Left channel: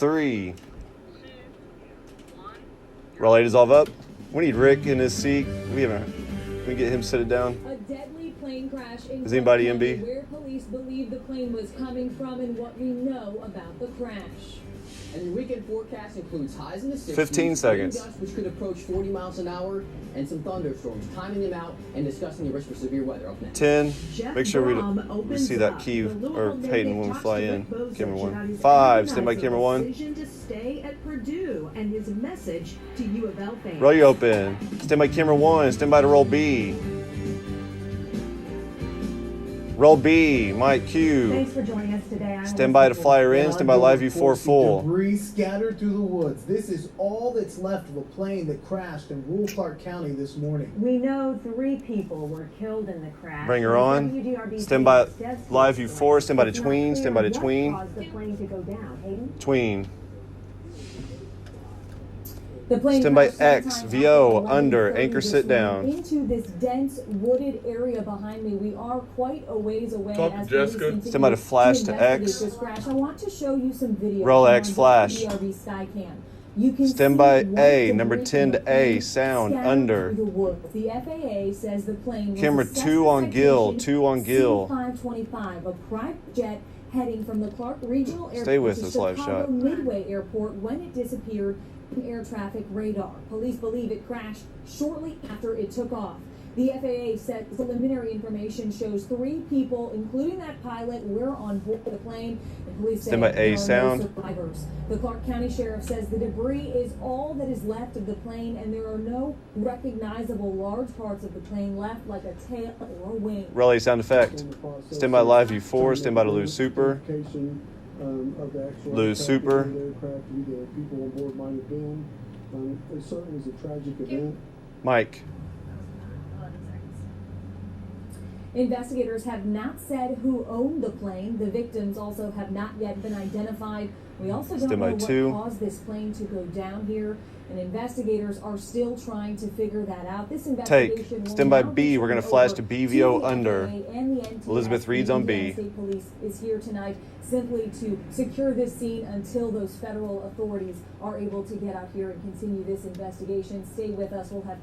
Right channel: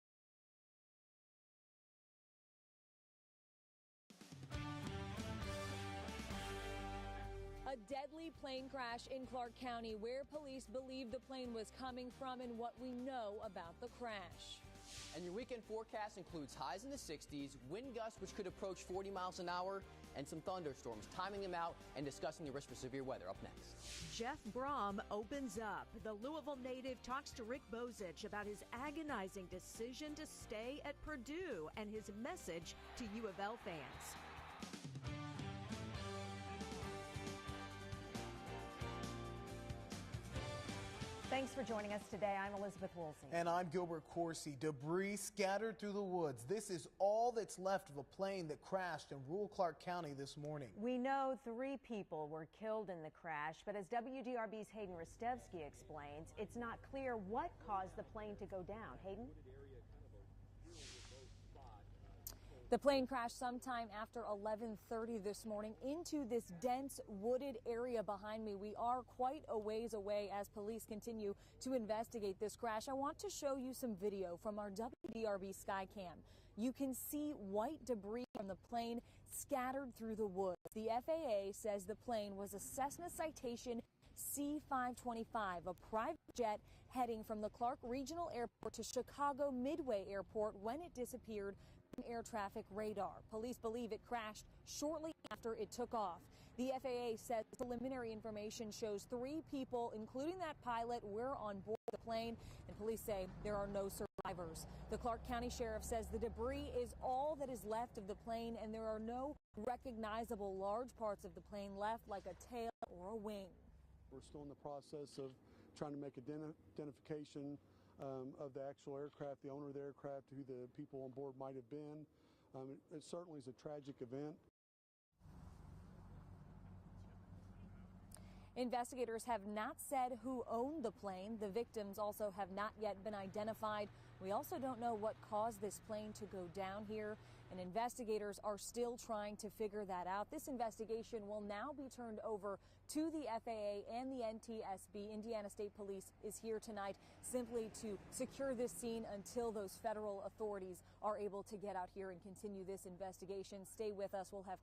3. Relay dissolve up. We need Rick in his seat. Can we get him sit it down? A deadly plane crash in Is anybody County, MB? where police believe the plane was coming from and what we know about the crash. And your weekend forecast includes highs in the 60s, 15 seconds. wind gusts which could approach 40 miles an hour, and some thunderstorms. Timing them out and discussing the risk for severe weather up next. 10. Jeff Make sure Brohm we see that opens key up. The or Louisville Peyton native when we talks fly to in. Rick Bozich Camera about 1. his 5. Stand by agonizer camera 1. decision to stay at Purdue and his message to U of L fans. Roll you open. Stand by camera 1. Stand by to roll B. Roll B. Mike Q. Thanks for joining us today. Stand by to flyer in. Stand by live view 4 full. Debris scattered through the woods. This is all that's left of a plane that crashed in rural Clark County this morning. We know 3 people were killed in the crash. Bring her on. WDRB Stand by Steps live view 4. Stand by to It's not tween. clear Stand by to what tween. caused the plane to go down. Hayden? Tween. The plane Stand by crashed X, sometime VO, after under, 11:30 anchor this sit morning down. into this dense wooded area behind me. We are quite a ways away. Talk to as Jessica. police continue Stand by to flash to investigate X. this crash. I want to show you some video. Roll on X flash. WDRB Skycam. You can Stand see by white A, debris number from 10 the to A, plane sound, scattered under. through the woods. The FAA says the plane was Camera a 2 on Cessna Gill, Citation 2 on Gill. C525, a private jet heading from the Clark Regional Airport Stay with to us, live Chicago shot. Midway Airport when it disappeared from air traffic radar. Police believe it crashed shortly after it took off. The FAA said preliminary information shows 3 people, including that pilot, were on board the plane, and police say Stand by there A are sound. no survivors. The Clark County Sheriff says the debris is all that is left of the plane, and there are no recognizable large parts of the plane left, like a tail or a wing. Relay sound effect. Stand by live view 4. Stand by to lose super. Lose super. People on board might have been. It certainly was a tragic event. Mike. Investigators have not said who owned the plane. The victims also have not yet been identified. We also don't Stand by know what 2. caused this plane to go down here, and investigators are still trying to figure that out. This investigation will Stand by now B. be We're going to turned flash over to BVO the under. FAA and the NTSB. Elizabeth Reed's on B. Indiana State Police is here tonight simply to secure this scene until those federal authorities are able to get out here and continue this investigation. Stay with us. We'll have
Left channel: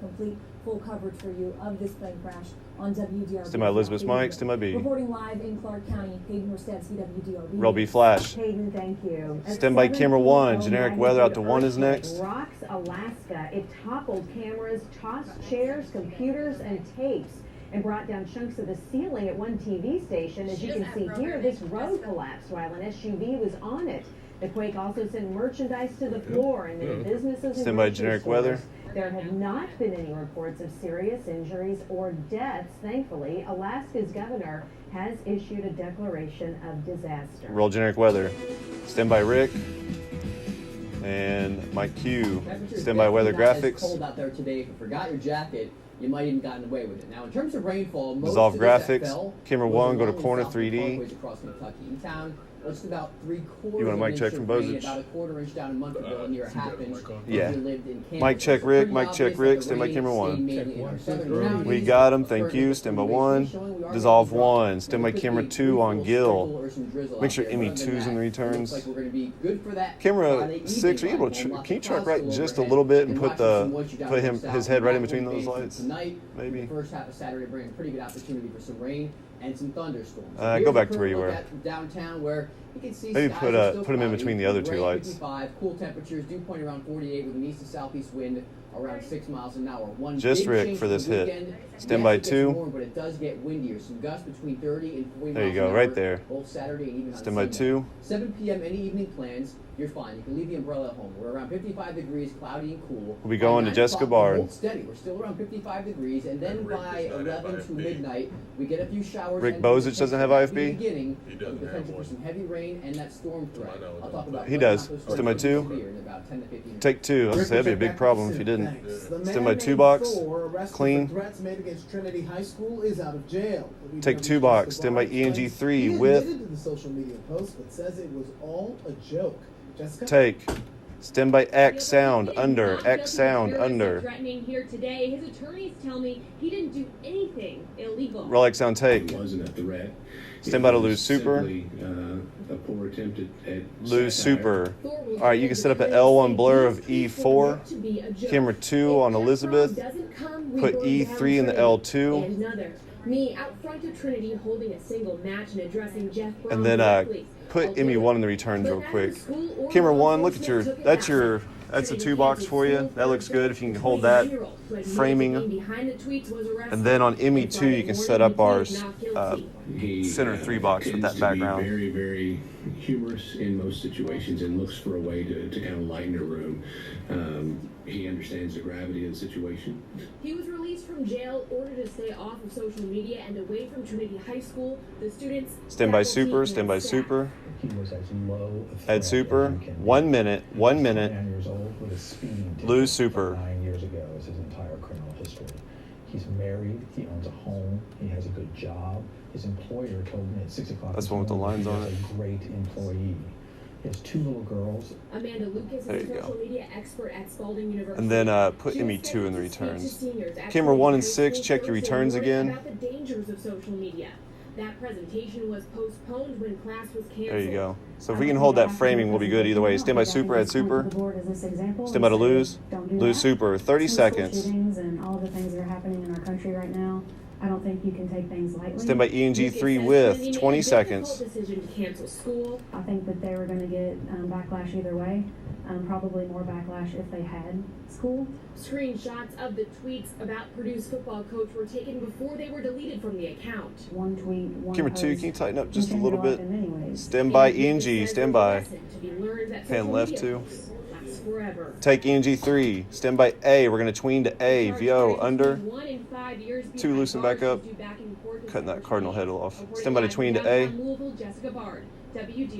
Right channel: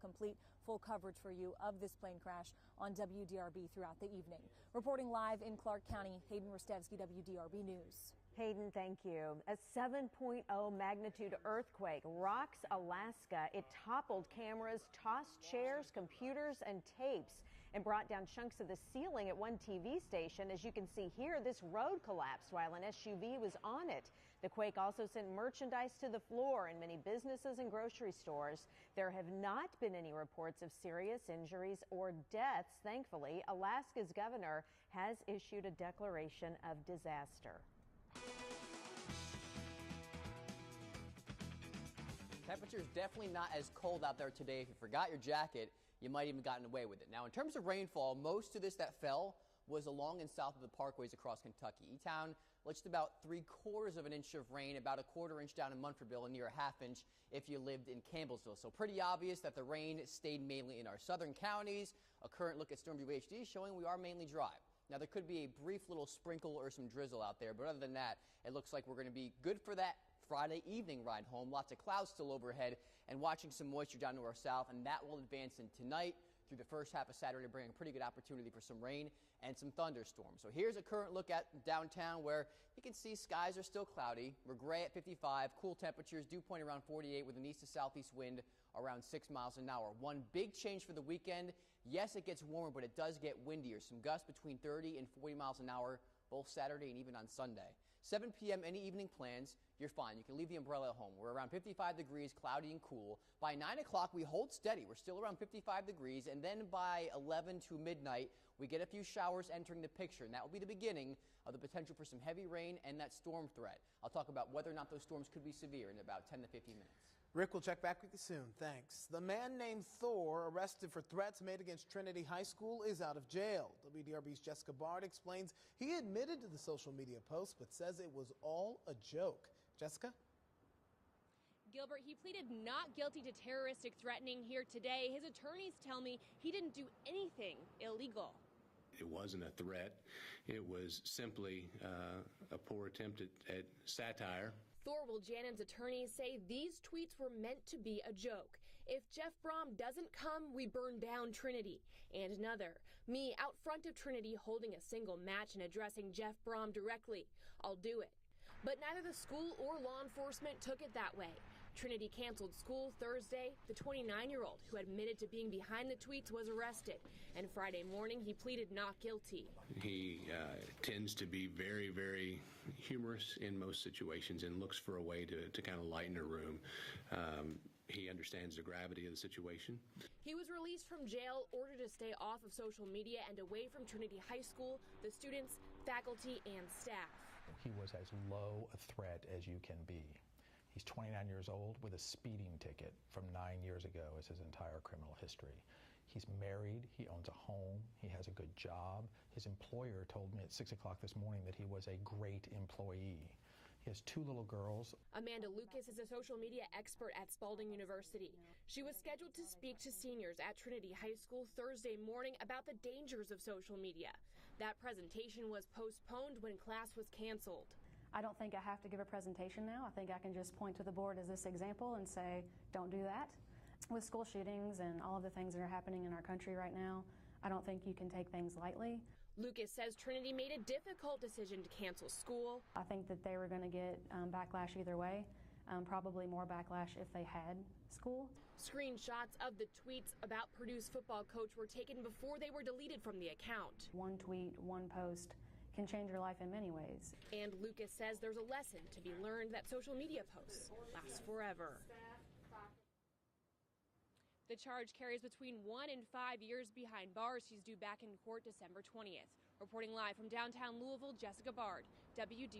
full coverage for you of this plane crash on WDRB. Stand by Elizabeth Mike. Stand by B. Reporting live in Clark County, Hayden Rostevsky, WDRB. Roll B flash. Hayden, thank you. At Stand by camera 1. 7:40 Generic weather out to 1 is earthquake next. Rocks, Alaska. It toppled cameras, tossed chairs, computers, and tapes, and brought down chunks of the ceiling at one TV station. As you can see here, this road collapsed while an SUV was on it. The quake also sent merchandise to the floor and many businesses and Stand by grocery generic stores. weather. There have not been any reports of serious injuries or deaths. Thankfully, Alaska's governor has issued a declaration of disaster. Roll generic weather. Stand by Rick. And Mike Q. Temperatures Stand by weather definitely not graphics. As cold out there today. If you forgot your jacket, you might even gotten away with it. Now, in terms of rainfall, most Dissolve of this that graphics. fell Camera was 1, go to along corner the southern 3D. parkways across Kentucky. In town, just about 3/4 You want a of mic an check inch from of rain, Bozich? about a 1/4 inch down in Munfordville, and near a half inch. Yeah. If you lived in Kansas. Mic check So Rick, pretty mic check obvious Rick, that stand the by rain camera stayed 1. mainly in our southern We counties. got him, thank Currently, you. the Stand by elevation 1. showing we are Dissolve gonna be dry. 1. Stand by There could camera be 2 on brief Gill. sprinkle or some drizzle Make out sure there, Emmy but other 2's than in the that, it returns. looks like we're gonna be good for that Camera Friday 6, are you able evening to? light. Can you Lots of track clouds right still just a overhead. little bit and And put watching some moisture down put towards his south, head right in that between will those fade lights? Tonight, Maybe. the first half of Saturday bringing a pretty good opportunity for some rain and some thunderstorms. Go Here's a back to where current you look were. at downtown where you can see Maybe skies put, are still put 'em in cloudy. between the other 2 Rain lights. 55, cool temperatures, dew point around 48 with an east to southeast wind around 6 miles an hour. One Just big Rick change for this the hit. weekend. Stand Yes, by it gets 2. warm, but it does get windier. Some gusts between 30 and 40 There you miles go, an right hour, there. both Saturday and even on Stand by Sunday. 2. 7 p.m. any evening plans, you're fine. You can leave the umbrella at home. We're around 55 degrees, cloudy and cool. We'll be By going to 9 Jessica o'clock, we'll Barn. hold steady. We're still around 55 degrees, and then by 11 to midnight, we get a few showers. Rick and Bozich doesn't have potential IFB? at the beginning, He doesn't with have potential for one. some heavy rain and that storm threat. I'll talk about He what does. those Stand by storms 2. will be in about 10 to 15 minutes. Take 2. I was gonna say that'd be a big problem if you didn't. Stand by 2 box. Clean. Threats made against Trinity High School is out of jail. Take 2 box. Stand by ENG 3 He with. admitted to the social media post, but says it was all a joke. Jessica? Take. Stand by X sound under. X sound under. Threatening here today. His attorneys tell me he didn't do anything illegal. Roll X sound take. Wasn't a threat. Stand by to lose super. A poor attempt at Lose satire. super. All right, you can set up an L1 blur of E4. Camera 2 on Elizabeth. Put E3 in the L2. And another. Me out front of Trinity holding a single match and addressing Jeff Brohm And then directly. put I'll do Emmy1 it. in the returns But real neither quick. school or Camera law 1, look at your, enforcement took it that's that your, way. that's a Trinity 2-box canceled for you. school That looks Thursday. good if you can The hold that 29-year-old who admitted to framing. being behind the tweets was arrested. And then on And Emmy 2, Friday you can morning, set up he our pleaded not guilty. He, center 3-box with tends that to background. be very, very humorous in most situations and looks for a way to kind of lighten the room. He understands the gravity of the situation. He was released from jail, ordered to stay off of social media and away from Trinity High School. The students, Stand by faculty, super, and stand by staff. super. He was as low a threat Head super. as you can be. 1 minute, 1 minute. 29 years old with a speeding ticket Lose super. from 9 years ago is his entire criminal history. He's married. He owns a home. He has a good job. His employer told me at 6 o'clock. That's this one with the morning lines on he it. is a great employee. He has 2 little girls. Amanda Lucas There is you a go. social media expert at Spalding University. And then put She was Emmy 2 in the scheduled to speak to returns. seniors at Camera 1 and Trinity 6, High check School your Thursday returns morning again. About the dangers of social media. That presentation was postponed when class was canceled. There you go. So if we can hold that framing, we'll be good either way. Stand by super, add super. Stand by to lose. Lose super. 30 seconds. Shootings and all the things that are happening in our country right now. I don't think you can take things lightly. Stand by ENG Lucas 3 says with Trinity made 20 a seconds. difficult decision to cancel school. I think that they were going to get backlash either way. Probably more backlash if they had school. Screenshots of the tweets about Purdue's football coach were taken before they were deleted from the account. One tweet, one Camera 2, post can you tighten up can just a change little your bit? life in many ways. Stand by Lucas ENG, says stand there's a by. lesson to be learned that Fan social left media 2. lasts forever. Take ENG 3. Stand by A. We're going to tween to A. VO under. 1 in 5 years 2 loosen back up. Cutting that cardinal head off. Stand by to tween to A.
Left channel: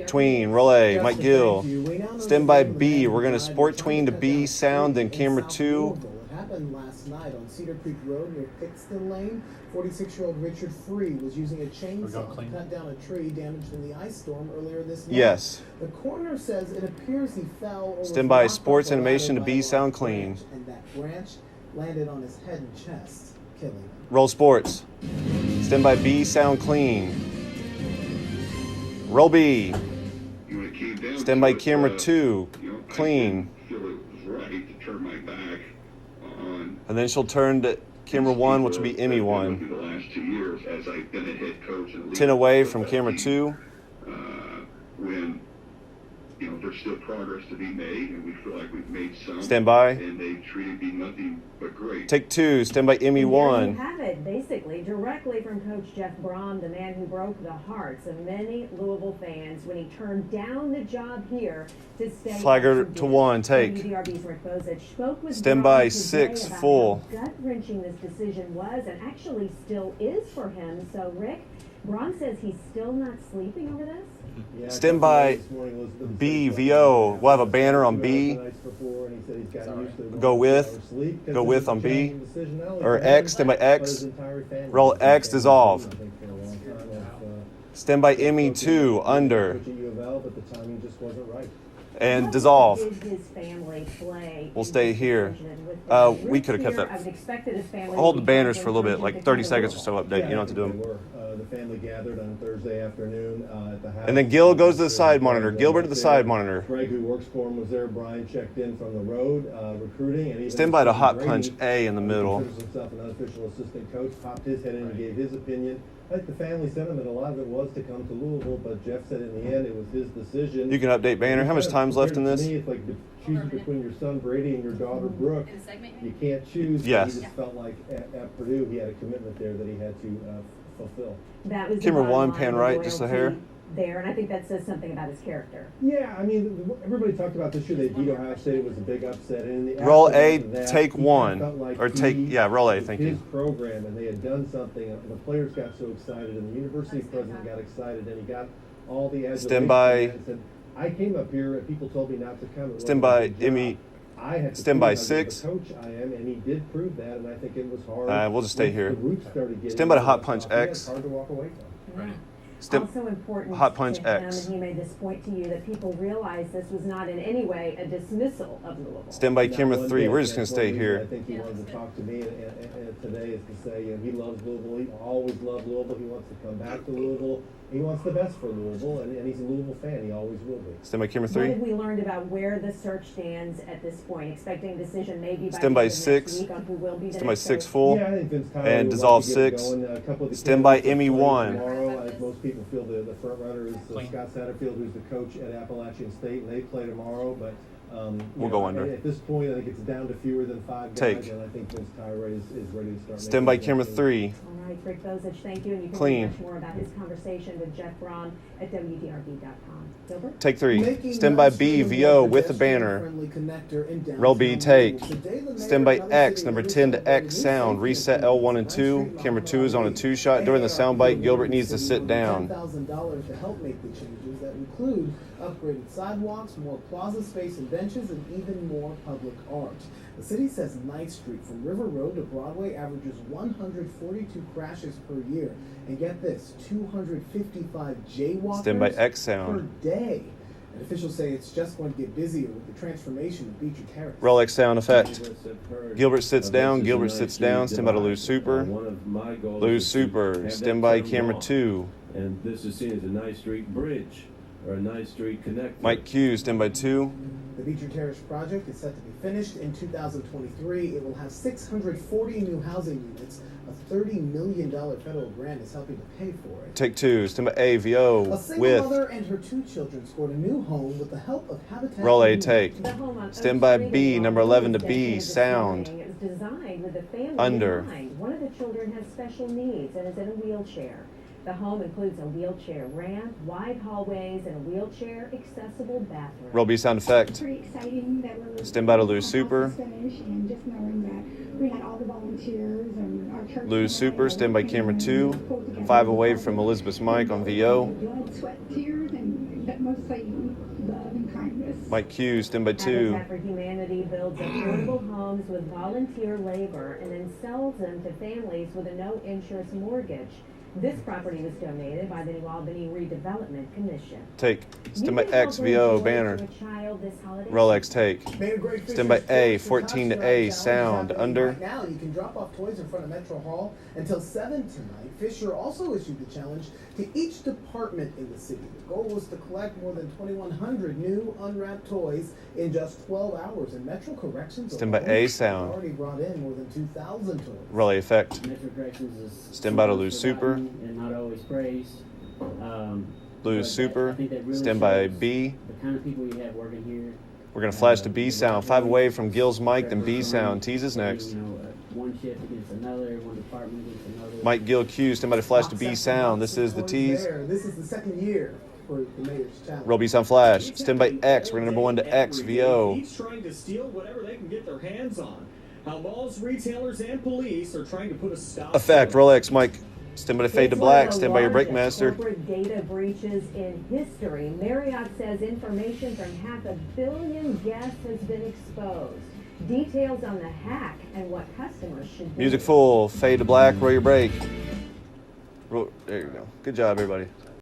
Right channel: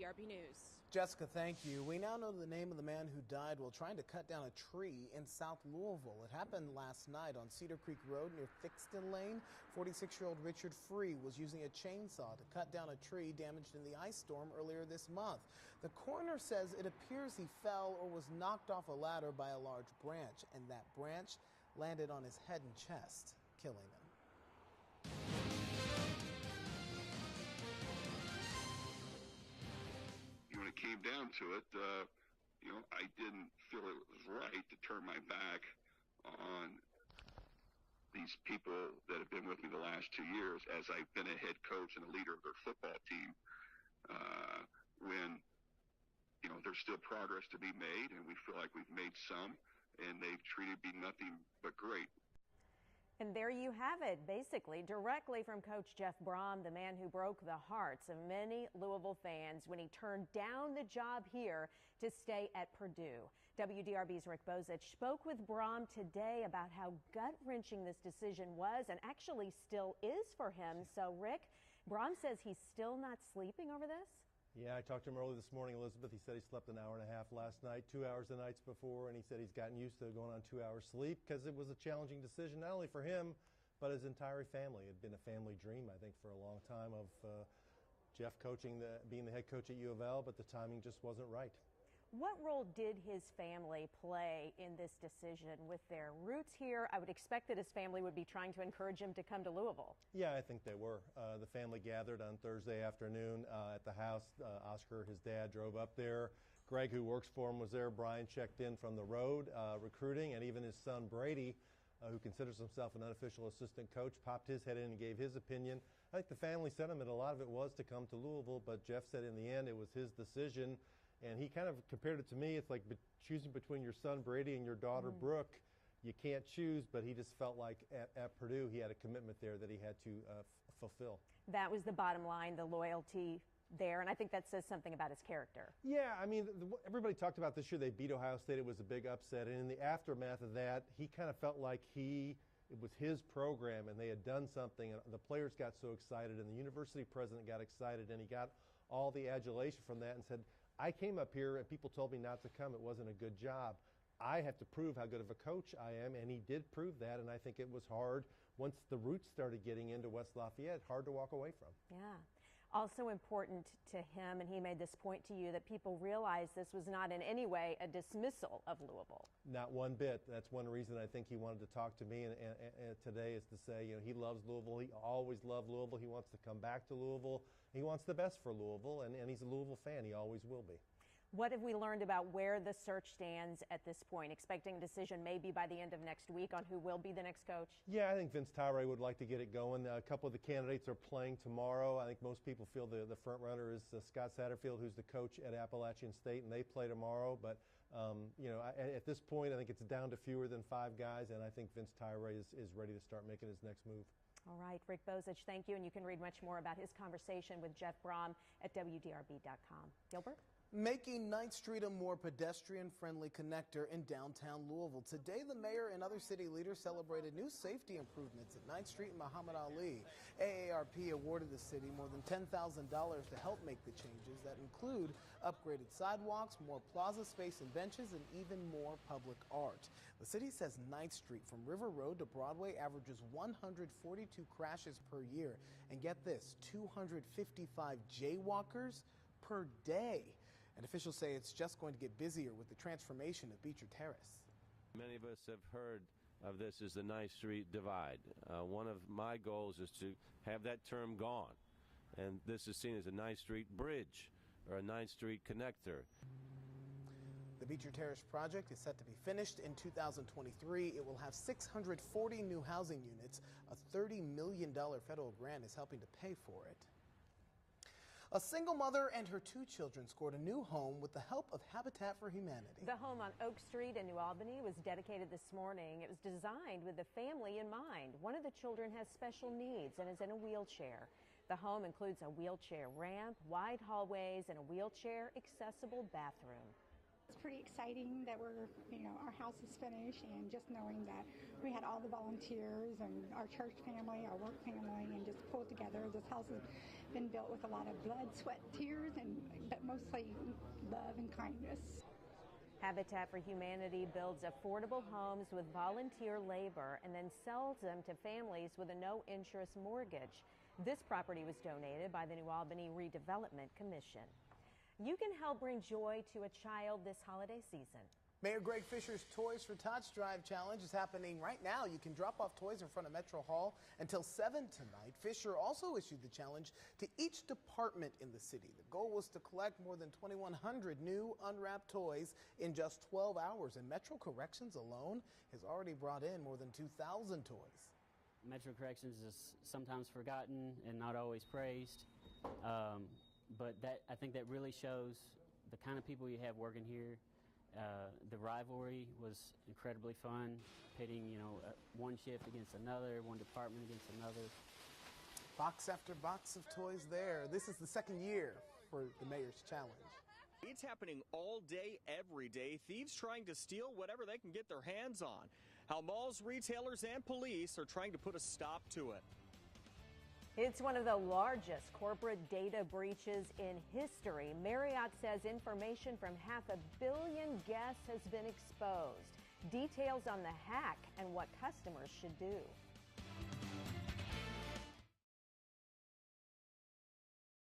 Tween, roll A, Justin, Mike Gill. thank you. We now know Stand the by name of the B. man We're who going to died sport trying tween to cut B down sound, then in camera South 2. Louisville. It happened last night on Cedar Creek Road near Pittston Lane. 46-year-old Richard Free was using a chainsaw to cut down a tree damaged in the ice storm earlier this month. Yes. The coroner says it appears he fell or was Stand by knocked sports off a ladder animation to by B a large sound clean. branch, and that branch landed on his head and chest, killing him. Roll sports. Stand by B sound clean. Roll B. Stand by camera 2. Clean. And then she'll turn to camera 1, which will be Emmy 1. 10 away from camera 2. When there's still progress to be made, and we feel like we've made some. Stand by. And they treated me nothing but great. Take 2. Stand by Emmy And there 1. you have it, basically, directly from Coach Jeff Brohm, the man who broke the hearts of many Louisville fans when he turned down the job here to stay. Flagger at to Purdue. 1. Take. WDRB's Rick Bozich spoke with Stand Brohm by today 6. about Full. how gut-wrenching this decision was, and actually still is for him. So, Rick, Brohm says he's still not sleeping over this. Stand by B, VO. We'll have a banner on B. Go with on B. Or X, stand by X. Roll X, dissolve. Stand by Emmy 2, under. And dissolve. What did his family play We'll in stay this here. decision? With We Rick could have kept here, that. I would expected his family Hold to the be banners back for a little in bit, like Georgia 30 to seconds or cover so update. You don't have to do them. The family gathered on Thursday afternoon at the house. And then Gil goes to the side monitor. Gilbert to the side monitor. Greg, who works for him, was there. Brian checked in from the road, recruiting. And even Stand by to Stephen hot Brady, punch A in the who middle. considers himself an unofficial assistant coach, popped his head in and gave his opinion. I think the family sentiment, a lot of it was to come to Louisville, but Jeff said in the end it was his decision. You can update banner. How much time's left in this? To me, it's like choosing between your son Brady and your daughter Brooke. You can't choose. but Yes. He just felt like at Purdue he had a commitment there that he had to fulfill. That was the Camera bottom 1, line, pan the right, just a hair. loyalty there, and I think that says something about his character. Yeah, I mean, everybody talked about this year. They beat Ohio State. It was a big upset. And in the Roll aftermath A, of that, take he 1. felt like Or take, yeah, roll A, thank his you. program, and they had done something. And the players got so excited, and the university president got excited, and he got all the adulation. Stand by. And said, I came up here, and people told me not to come. It Stand wasn't by my job. Emmy. I had to Stand prove by how good of a 6. coach I am, and he did prove that, and I think it was hard. We'll just stay once here. The roots started getting Stand by to into hot the punch soft, yeah, X. It's hard to walk away from. Right. Step, Also important hot punch to him, X. and he made this point to you, that people realize this was not in any way a dismissal of Louisville. Stand by Not camera one 3. bit. We're just going That's to stay one reason here. I think he wanted to talk to me and today is to say, he loves Louisville. He always loved Louisville. He wants to come back to Louisville. He wants the best for Louisville, and he's a Louisville fan. He always will be. Stand by camera What 3. have we learned about where the search stands at this point? Expecting a decision maybe by Stand by the end of 6. next week on who will be the Stand by next 6 coach? full. Yeah, I think Vince Tyler And would dissolve like to get it 6. going. A couple of the Stand by candidates are Emmy playing 1. Tomorrow, as most people feel, the front runner is Scott Satterfield, who's the coach at Appalachian State, and they play tomorrow. But We'll go under. At this point, I think it's down to fewer than 5 guys, Take. and I think Vince Tyler is ready to start. Stand by camera 3. All right, Rick Bozich, thank you. And you can Clean. read much more about his conversation with Jeff Brohm at WDRB.com. Gilbert? Take 3. Making Stand by Ninth B, Street a VO more with a banner. pedestrian-friendly connector in downtown Roll B, take. Louisville. Today, the mayor Stand by and other X, city number leaders 10 to celebrated X new sound. safety Reset L1 and 2. Camera 2 is on a 2 shot. During the soundbite, Gilbert needs to sit down. $10,000 to help make the changes that include upgraded sidewalks, more plaza space and benches, and even more public art. The city says 9th Street from River Road to Broadway averages 142 crashes per year. And get this, 255 jaywalkers Stand by X per sound. day. And officials say it's just going to get busier with the transformation of Beecher Terrace. Roll X sound effect. Gilbert sits down. Gilbert sits down. Stand by to lose super. Lose super. Stand by camera 2. And this is seen as a 9th Street bridge or a 9th Street connector. Mike Q, stand by 2. The Beecher Terrace project is set to be finished in 2023. It will have 640 new housing units. A $30 million federal grant is helping to pay for it. Take 2. Stand by A, VO A single with. mother and her 2 children scored a new home with the help of Habitat. Roll A, for take. Humanity. The home on Stand Oak by Street B, in number Broadway 11 to was B, dedicated this sound. morning. It was designed with the family Under. in mind. One of the children has special needs and is in a wheelchair. The home includes a wheelchair ramp, wide hallways, and a wheelchair accessible bathroom. Roll B sound effect. Pretty exciting that we're Stand by to lose super. finished, and just knowing that we had all the volunteers and our church. Lose super. Stand by camera 2. 5 away from Elizabeth's mic on VO. Blood, sweat, tears, but mostly love and kindness. Mike Q, stand by 2. Habitat for Humanity builds affordable homes with volunteer labor and then sells them to families with a no-interest mortgage. This property was donated by the New Albany Redevelopment Commission. Take. You Stand by can X, help VO enjoy banner. to a child this holiday Roll X, take. Mayor Greg Stand by Fisher's A, Toys and 14 to Tots A, Challenge is sound. happening Under. Right now, you can drop off toys in front of Metro Hall until 7 tonight. Fisher also issued the challenge to each department in the city. The goal was to collect more than 2,100 new unwrapped toys in just 12 hours. And Metro Corrections Stand by alone A, has sound. already brought in more than 2,000 toys. Roll A, effect. Metro Corrections is Stand by to lose super. and not always praised. Lose super. I think that really Stand by shows B. the kind of people we have working here. We're going to flash to B sound. 5 away from Gil's mic, then B sound. Teases next. You know, one shift against another, one department against another. Mike Gil Q, stand by to flash to B sound. This is the tease. This is the second year for the mayor's challenge. Roll B sound flash. Stand by X. We're going to number 1 to X, VO. Each trying to steal whatever they can get their hands on. How malls, retailers, and police are trying to put a stop. Effect. Roll X, Mike. Stand by to fade to It's one of black. the Stand by your break largest master. corporate data breaches in history. Marriott says information from 500 million guests has been exposed. Details on the hack and what customers should do. Music full. Fade to black. Roll your break. There you go. Good job, everybody.